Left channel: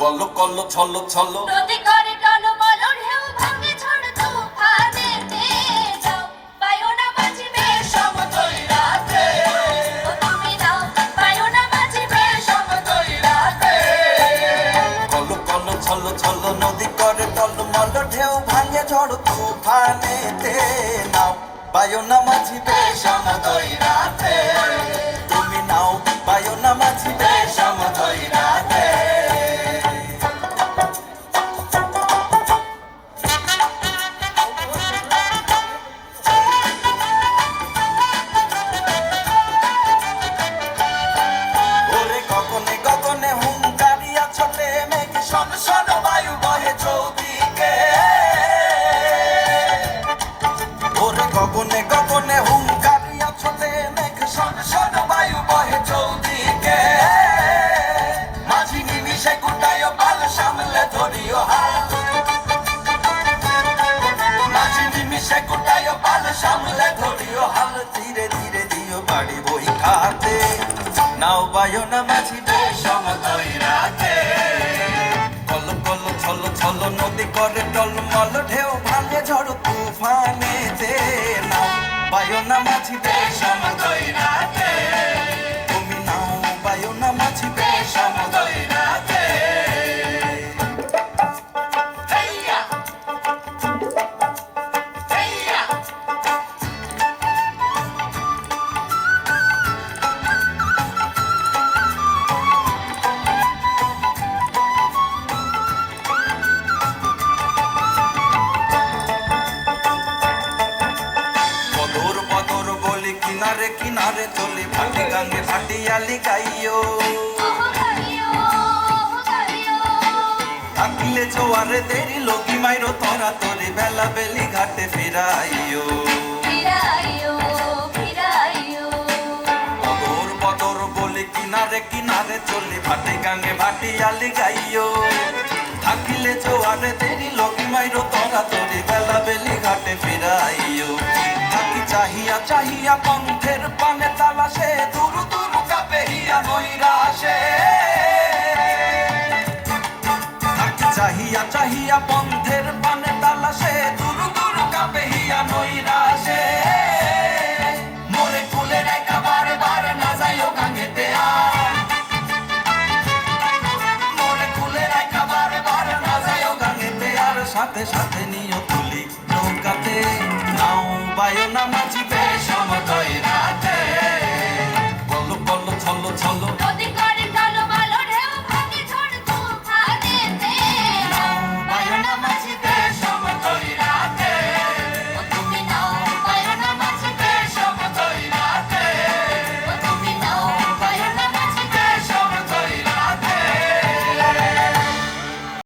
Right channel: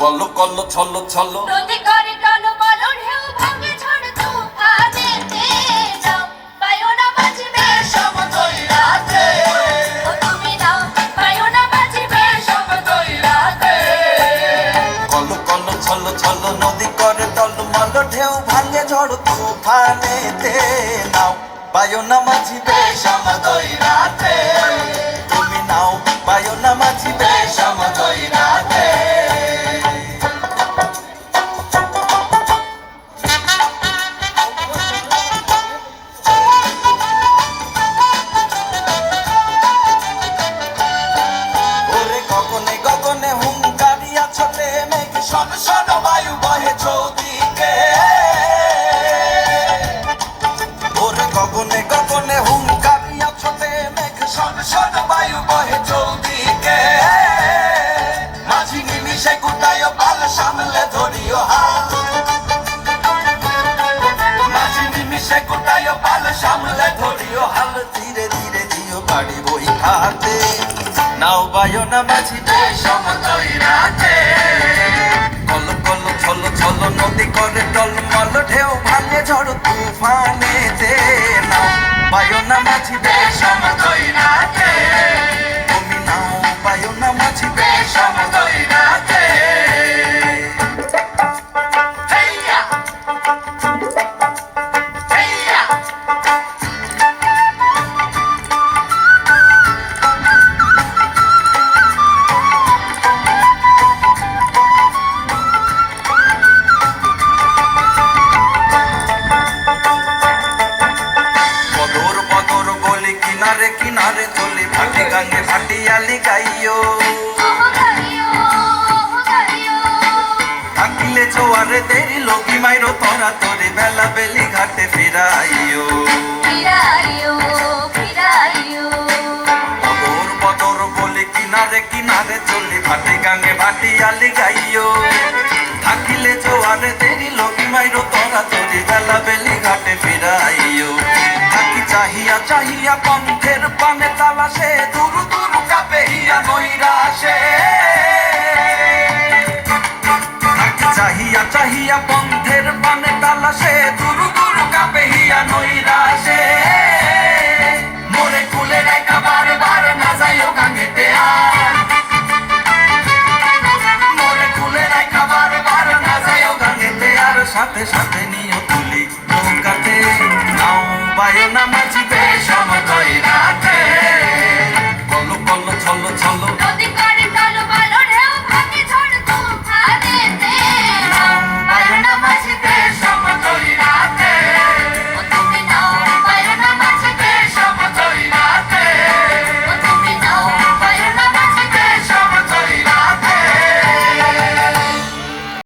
কল্লো কল্লো ছল্লো ছল্লো নদী করে টলমল ঢেউ ভাঙে ঝড় তুফানেতে যাও পায়ো না বাজিবে সমতল রাতে ও তুমি নাও পায়ো না বাজিবে সমতল রাতে কল্লো কল্লো ছল্লো ছল্লো নদী করে টলমল ঢেউ ভাঙে ঝড় তুফানেতে নাও পায়ো না মাঝিবে সমতল রাতে তুমি নাও পায়ো না মাঝিবে সমতল রাতে গগনে গগনে হুঙ্কারিয়া ছোটে মেঘ শন শন বায়ু বহে চৌদিকে ওরে গগনে গগনে হুঙ্কারিয়া ছোটে মেঘ শন শন বায়ু বহে চৌদিকে মাঝি নিমিষে কুটায় পাল সামলে ধরিও হাত মাঝি নিমিষে কুটায় পাল সামলে ধরিও হাল ধীরে ধীরে দিও বাড়ি বই হাতে নাও বায়ো না মাঝিবে সমতল রাতে কল্লো কল্লো ছল্লো ছল্লো নদী করে টলমল ঢেউ ভাঙে ঝড় তুফানেতে নাও বায়ো না মাঝিবে সমতল রাতে তুমি নাও বায়ো না মাঝিবে সমতল রাতে কিনারে কিনারে চলি ভাটি গাঙ্গে ভাটিয়ালি গাইও থাকিলে জোয়ারে দেরি লগি মাইরো তোরা তোরে বেলা বেলি ঘাটে ফিরাইও বদর বদর বলি কিনারে কিনারে চলি ভাটি গাঙ্গে ভাটিয়ালি গাইও থাকিলে জোয়ারে দেরি লগি মাইরো তোরা তোরে বেলা বেলি ঘাটে ফিরাইও থাকি চাহিয়া চাহিয়া পন্থের পানে তালাশে দুরু দুরু কাপে হিয়া নৈরাশে থাকি চাহিয়া চাহিয়া পন্থের পানে তালাশে দুরু দুরু কাপে হিয়া নৈরাশে মোরে কুলে রেখা বারে বারে না যাইও গাঙ্গেতে আর মোরে কুলে রেখা বারে বারে না যাইও গাঙ্গেতে আর সাথে সাথে নিও তুলি নৌকাতে নাও বায়ো না মাঝিবে সমতল রাতে